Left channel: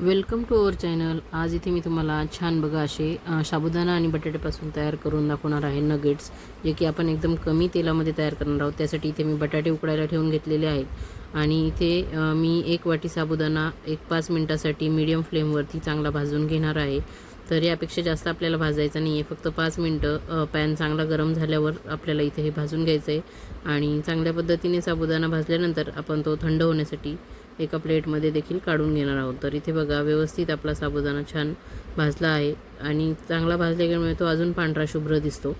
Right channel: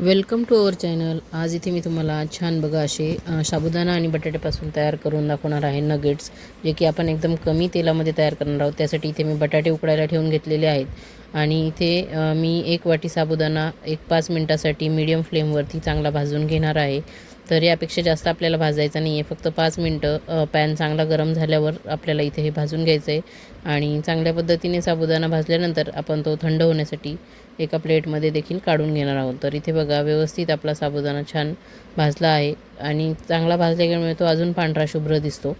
Welcome to our channel आज इथे मी तुम्हाला छान बघा असे साबुदाणा आणि बटाट्यापासून तयार करून दाखवणार आहे नगेट्स जे की आपण एकदम कमी तेलामध्ये तयार करणार आहोत. त्यासाठी इथे मी बटाटे उकडायला ठेवून घेतलेले आहेत. आणि इथे मी एक वाटी साबुदाणा एक पाच मिनटासाठी मीडियम फ्लेमवरती चांगला भाजून घेणार आहे. तर यापेक्षा जास्त आपल्याला भाजायचं नाही आहे फक्त पाच मिनटं पॅन चांगला गरम झाल्यावर आपल्याला इथे हे भाजून घ्यायचं आहे आणि चांगल्या पद्धतीने साबुदाणा भाजल्यानंतर आपण तो थंड होण्यासाठी एका प्लेटमध्ये देखील काढून घेणार आहोत. तर इथे बघा व्यवस्थित आपला साबुदाणा छान भाजला आहे. आणि चांगला भाजल्यामुळे तो अजून पांढरा शुभ्र दिसतो.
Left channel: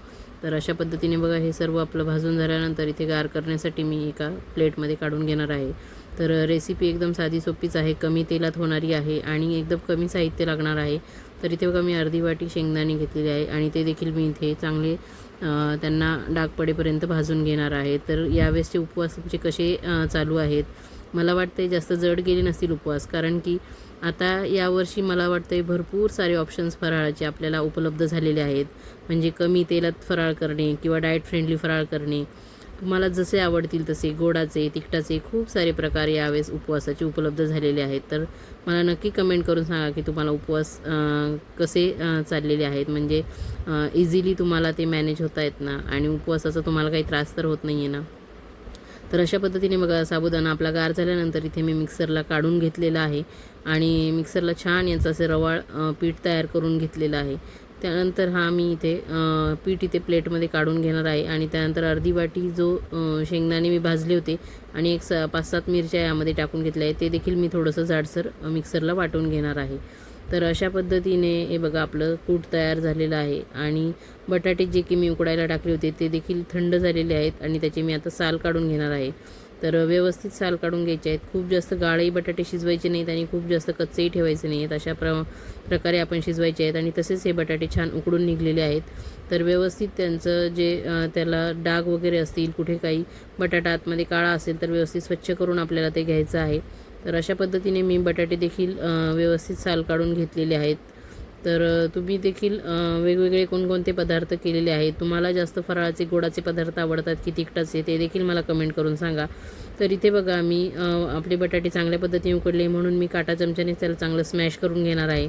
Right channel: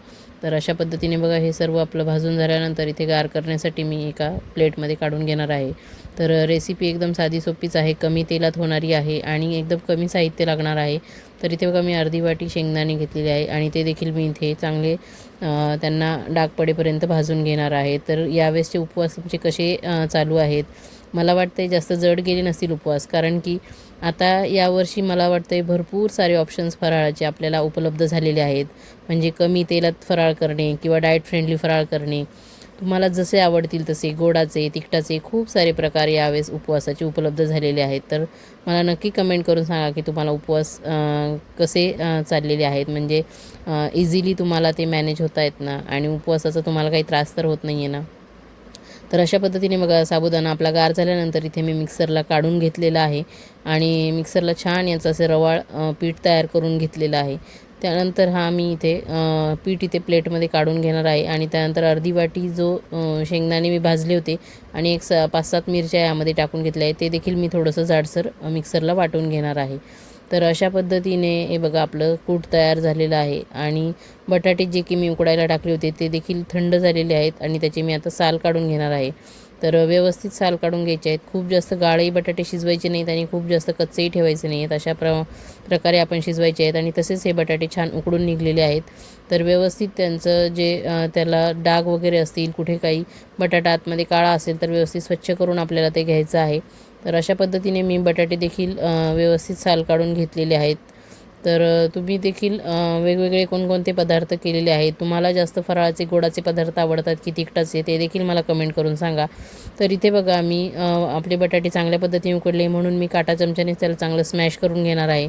तर अशा पद्धतीने बघा हे सर्व आपलं भाजून झाल्यानंतर इथे गार करण्यासाठी मी एका प्लेटमध्ये काढून घेणार आहे. तर रेसिपी एकदम साधी सोपीच आहे. कमी तेलात होणारी आहे आणि एकदम कमी साहित्य लागणार आहे. तर इथे बघा मी अर्धी वाटी शेंगदाणे घेतलेली आहे आणि ते देखील मी इथे चांगले त्यांना डाग पडेपर्यंत भाजून घेणार आहे. तर यावेळेसचे उपवास तुमचे कसे चालू आहेत? मला वाटतं जास्त जड गेले नसतील उपवास कारण की आता यावर्षी मला वाटतं भरपूर सारे ऑप्शन्स फराळाचे आपल्याला उपलब्ध झालेले आहेत. म्हणजे कमी तेलात फराळ करणे किंवा डाएट फ्रेंडली फराळ करणे. तुम्हाला जसे आवडतील तसे गोडाचे तिखटाचे खूप सारे प्रकार यावेळेस उपवासाचे उपलब्ध झालेले आहेत. तर मला नक्की कमेंट करून सांगा की तुम्हाला उपवास कसे चाललेले आहेत? म्हणजे इझिली तुम्हाला ते मॅनेज होत आहेत ना? आणि उपवासाचा तुम्हाला काही त्रास तर होत नाही आहे ना? तर अशा पद्धतीने बघा साबुदाणा आपला गार झाल्यानंतर इथे मी मिक्सरला काढून घेतलेला आहे. आणि मिक्सरला छान याचं असे रवाळ पीठ तयार करून घेतलेलं आहे. त्यानंतर हा मी इथे पीठ इथे प्लेटमध्ये काढून घेणार आहे आणि त्यानंतर अर्धी वाटी जो शेंगदाणे मी भाजले होते आणि एक स पाच सात मिरच्या यामध्ये टाकून घेतल्या आहे ते देखील मी थोडंसं जाडसर मिक्सरला वाटून घेणार आहे. तर अशा पद्धतीने हे बघा आपलं कूट तयार झालेलं आहे आणि बटाटे जे की मी उकडायला टाकले होते ते देखील थंड झालेले आहेत आणि त्याचे मी आता साल काढून घेणार आहे. तर व्यवस्थित साल काढून घ्यायचे आहेत. खूप जास्त गाळही बटाटे शिजवायचे नाहीत आणि खूप जास्त कच्चेही ठेवायचे नाही आहेत अशा प्र प्रकारे आपण शिजवायचे आहेत आणि तसेच हे बटाटे छान उकडून निघलेले आहेत. तर व्यवस्थित त्यांचं जे त्याला डाग वगैरे असतील कुठे काही बटाटा आतमध्ये काळा असेल तर व्यवस्थित स्वच्छ करून आपल्याला ते घ्यायचं आहे. तर अशा पद्धतीने मी बटाटे देखील व्यवस्थित साल काढून घेतलेले आहेत. तर तुम्ही देखील वेगवेगळे कोणकोणते पदार्थ केलेले आहेत? तुम्हाला जास्त फराळाचे गोडाचे पदार्थ आवडतात की तिखटाचे? ते देखील मला कमेंट करून सांगा. तर इथे बघा मी आपले बटाटे चांगल्या पद्धतीने उकडले म्हणून मी काटा चमच्याने त्याला चांगलं स्मॅश करून घेणार आहे.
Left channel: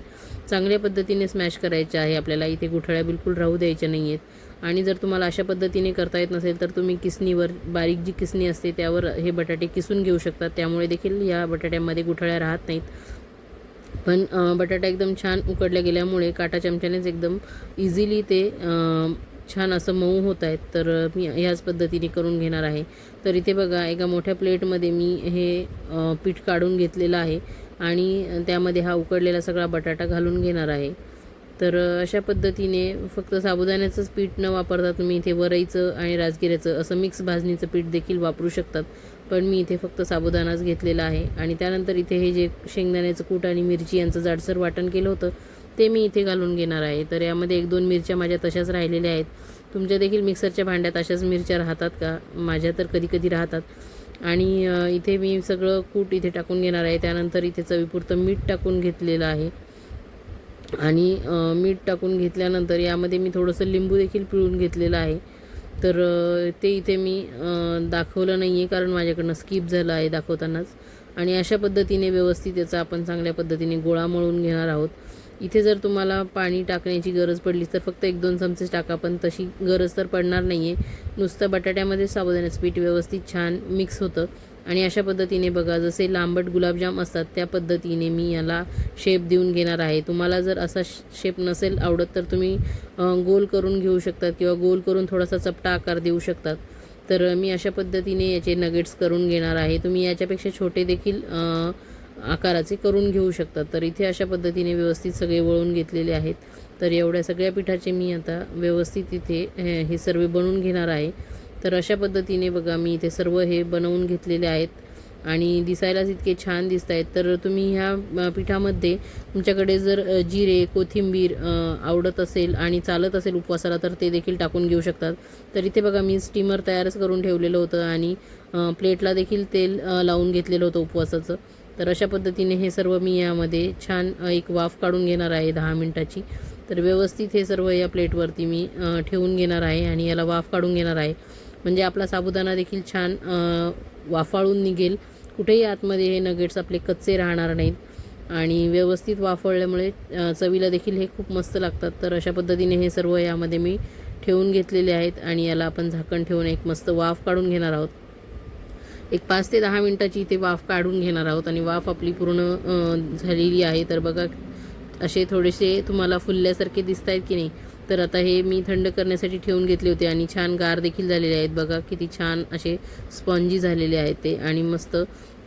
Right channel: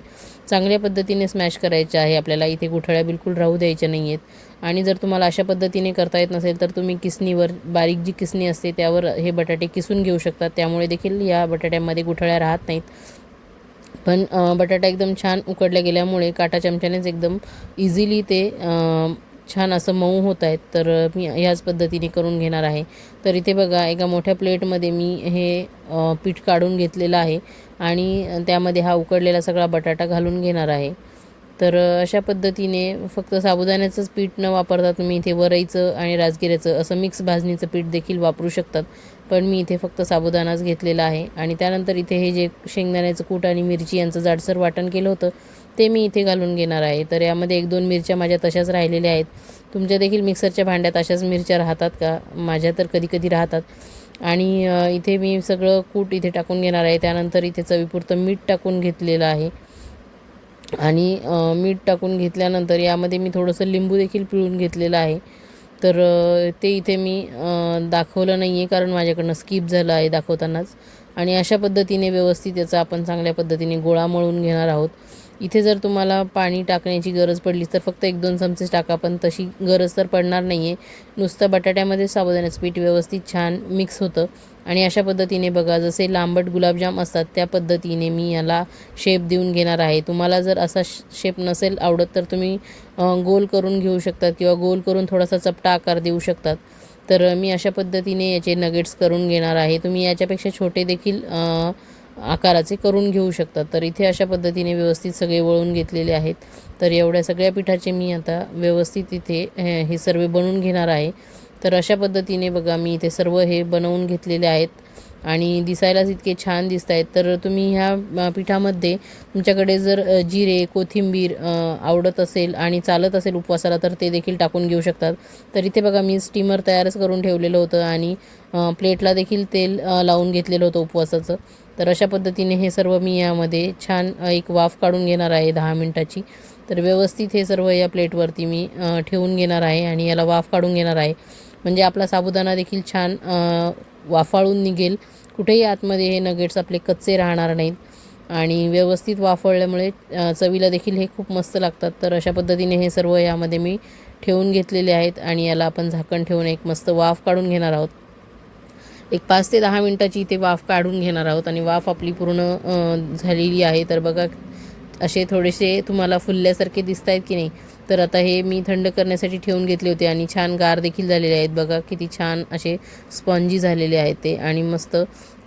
चांगल्या पद्धतीने स्मॅश करायचे आहे आपल्याला. इथे गुठळ्या बिलकुल राहू द्यायच्या नाही आहेत आणि जर तुम्हाला अशा पद्धतीने करता येत नसेल तर तुम्ही किसणीवर बारीक जी किसणी असते त्यावर हे बटाटे किसून घेऊ शकतात त्यामुळे देखील या बटाट्यामध्ये गुठळ्या राहत नाहीत. पण बटाटा एकदम छान उकडल्या गेल्यामुळे काटा चमच्यानेच एकदम इझिली ते छान असं मऊ होत आहेत. तर मी ह्याच पद्धतीने करून घेणार आहे. तर इथे बघा एका मोठ्या प्लेटमध्ये मी हे पीठ काढून घेतलेलं आहे आणि त्यामध्ये हा उकडलेला सगळा बटाटा घालून घेणार आहे. तर अशा पद्धतीने फक्त साबुदाण्याचंच पीठ न वापरता तुम्ही इथे वरईचं आणि राजगिऱ्याचं असं मिक्स भाजणीचं पीठ देखील वापरू शकतात. पण मी इथे फक्त साबुदाणाच घेतलेला आहे. आणि त्यानंतर इथे हे जे शेंगदाण्याचं कूट आणि मिरची यांचं जाडसर वाटण केलं होतं ते मी इथे घालून घेणार आहे. तर यामध्ये एक दोन मिरच्या माझ्या तशाच राहिलेल्या आहेत. तुमच्या देखील मिक्सरच्या भांड्यात अशाच मिरच्या राहतात का? माझ्या तर कधी कधी राहतात. आणि इथे मी सगळं कूट इथे टाकून घेणार आहे. त्यानंतर इथे चवीपुरतं मीठ टाकून घेतलेलं आहे. आणि मीठ टाकून घेतल्यानंतर यामध्ये मी थोडंसं लिंबू देखील पिळून घेतलेलं आहे. तर ते इथे मी दाखवलं नाही आहे कारण माझ्याकडनं स्किप झालं आहे दाखवतानाच. आणि अशा पद्धतीने व्यवस्थित याचा आपण चांगल्या पद्धतीने गोळा मळून घेणार आहोत. इथे जर तुम्हाला पाणी टाकण्याची गरज पडली तर फक्त एक दोन चमचे टाका पण तशी गरज तर पडणार नाही आहे नुसतं बटाट्यामध्ये साबुदाण्याचं पीठ व्यवस्थित छान मिक्स होतं. आणि अशा पद्धतीने बघा जसे लांबट गुलाबजाम असतात त्या पद्धतीने मी याला शेप देऊन घेणार आहे. तुम्हाला जर असा शेप नसेल आवडत तर तुम्ही गोल करून घेऊ शकतात किंवा गोल करून थोडासा चपटा आकार देऊ शकतात. तर मी अशा पद्धतीने याचे नगेट्स करून घेणार आहे. तुम्ही याच्यापेक्षा छोटे देखील आकाराचे करून घेऊ शकतात. तर इथे अशा पद्धतीने व्यवस्थित सगळे वळून घेतलेले आहेत. तर एवढ्या सगळ्या पिठाचे मी आता व्यवस्थित इथे हे सर्व बनवून घेणार आहे. तर अशा पद्धतीने बघा मी इथे सर्व हे बनवून घेतलेले आहेत आणि दिसायलाच इतके छान दिसत आहेत तर तुम्ही ह्या पिठामध्ये तुमच्याकडे जर जिरे कोथिंबीर आवडत असेल आणि चालत असेल उपवासाला तर ते देखील टाकून घेऊ शकतात. तर इथे बघा मी स्टीमर तयारच करून ठेवलेलं होतं आणि प्लेटला देखील तेल लावून घेतलेलं होतं उपवासाचं. तर अशा पद्धतीने हे सर्व मी यामध्ये छान एक वाफ काढून घेणार आहे दहा मिनटाची. तर व्यवस्थित हे सर्व या प्लेटवरती मी ठेवून घेणार आहे आणि याला वाफ काढून घेणार आहे. म्हणजे आपला साबुदाणा देखील छान वाफाळून निघेल. कुठेही आतमध्ये हे नगेट्स आपले कच्चे राहणार नाहीत. आणि व्यवस्थित वाफळल्यामुळे चवीला देखील हे खूप मस्त लागतात. तर अशा पद्धतीने हे सर्व यामध्ये मी ठेवून घेतलेले आहेत आणि याला आपण झाकण ठेवून एक मस्त वाफ काढून घेणार आहोत. एक पाच ते दहा मिनटाची इथे वाफ काढून घेणार आहोत आणि वाफ आपली पूर्ण झालेली आहे. तर बघा असे थोडेसे तुम्हाला फुलल्यासारखे दिसत आहेत की नाही. तर आता हे मी थंड करण्यासाठी ठेवून घेतले होते आणि छान गार देखील झालेले आहेत. बघा किती छान असे स्पॉन्जी झालेले आहेत ते आणि मस्त.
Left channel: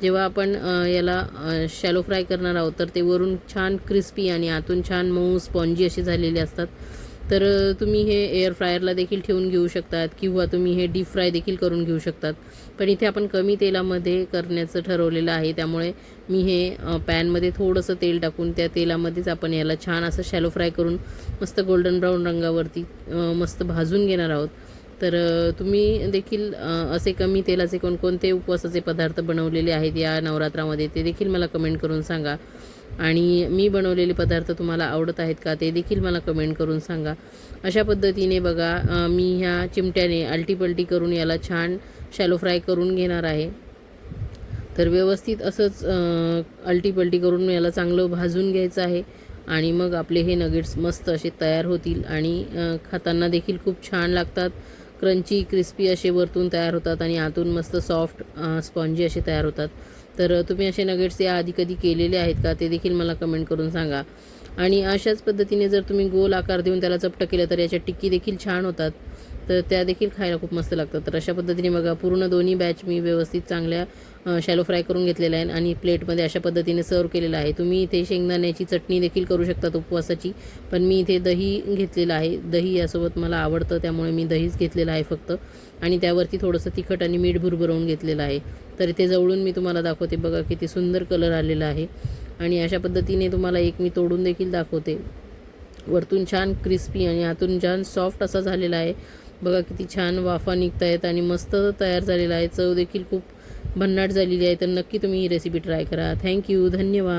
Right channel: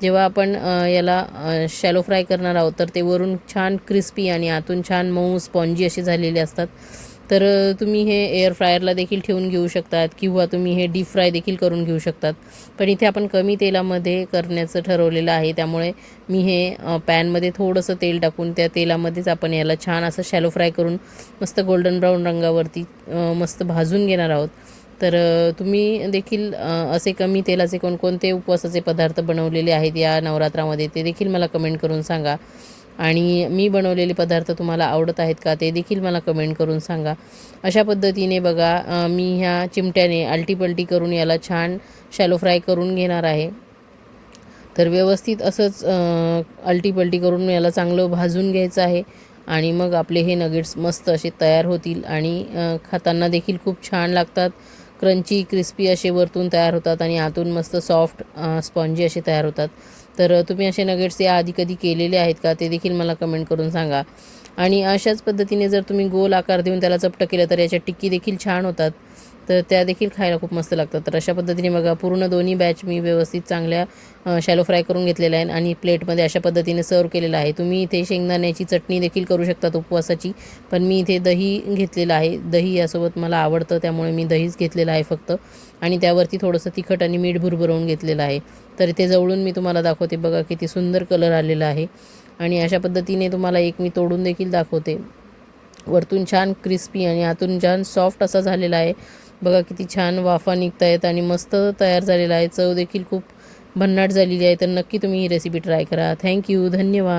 जेव्हा आपण याला शॅलो फ्राय करणार आहोत तर ते वरून छान क्रिस्पी आणि आतून छान मऊ स्पॉन्जी असे झालेले असतात. तर तुम्ही हे एअर फ्रायरला देखील ठेवून घेऊ शकतात किंवा तुम्ही हे डीप फ्राय देखील करून घेऊ शकतात. पण इथे आपण कमी तेलामध्ये करण्याचं ठरवलेलं आहे. त्यामुळे मी हे पॅनमध्ये थोडंसं तेल टाकून त्या तेलामध्येच आपण याला छान असं शॅलो फ्राय करून मस्त गोल्डन ब्राऊन रंगावरती मस्त भाजून घेणार आहोत. तर तुम्ही देखील असे कमी तेलाचे कोणकोणते उपवासाचे पदार्थ बनवलेले आहेत या नवरात्रामध्ये ते देखील मला कमेंट करून सांगा. आणि मी बनवलेले पदार्थ तुम्हाला आवडत आहेत का ते देखील मला कमेंट करून सांगा. अशा पद्धतीने बघा मी ह्या चिमट्याने आलटीपलटी करून याला छान शॅलो फ्राय करून घेणार आहे. तर व्यवस्थित असंच अल्टीपल्टी करून याला चांगलं भाजून घ्यायचं आहे आणि मग आपले हे नगेट्स मस्त असे तयार होतील आणि खाताना देखील खूप छान लागतात. क्रंची क्रिस्पी असे वरतून तयार होतात आणि आतून मस्त सॉफ्ट स्पॉन्जी असे तयार होतात. तर तुम्ही असे नगेट्स या आधी कधी केलेले आहेत का? ते देखील मला कमेंट करून सांगा. आणि अशाच पद्धतीने जर तुम्ही गोल आकार देऊन त्याला चपटं केलं तर याच्या टिक्की देखील छान होतात. तर त्या देखील खायला खूप मस्त लागतात. तर अशा पद्धतीने बघा पूर्ण दोन्ही बॅच मी व्यवस्थित चांगल्या शॅलो फ्राय करून घेतलेल्या आहे आणि प्लेटमध्ये अशा पद्धतीने सर्व केलेलं आहे. तुम्ही इथे शेंगदाण्याची चटणी देखील करू शकतात उपवासाची पण मी इथे दही घेतलेलं आहे. दही यासोबत मला आवडतं त्यामुळे मी दहीच घेतलेलं आहे फक्त. आणि त्यावरती थोडंसं तिखट आणि मीठ भुरभुरवून घेतलेलं आहे. तर इथे जवळून मी तुम्हाला दाखवते बघा किती सुंदर कलर आलेला आहे. आणि अशा पद्धतीने तुम्हाला एक मी तोडून देखील दाखवते. वरतून छान क्रिस्पी आणि आतून छान सॉफ्ट असा झालेला आहे. बघा किती छान वाफा निघत आहेत आणि मस्त तयार झालेला आहे. चव देखील खूप भन्नाट झालेली आहे. तर नक्की तुम्ही ही रेसिपी ट्राय करा. थँक्यू धन्यवाद.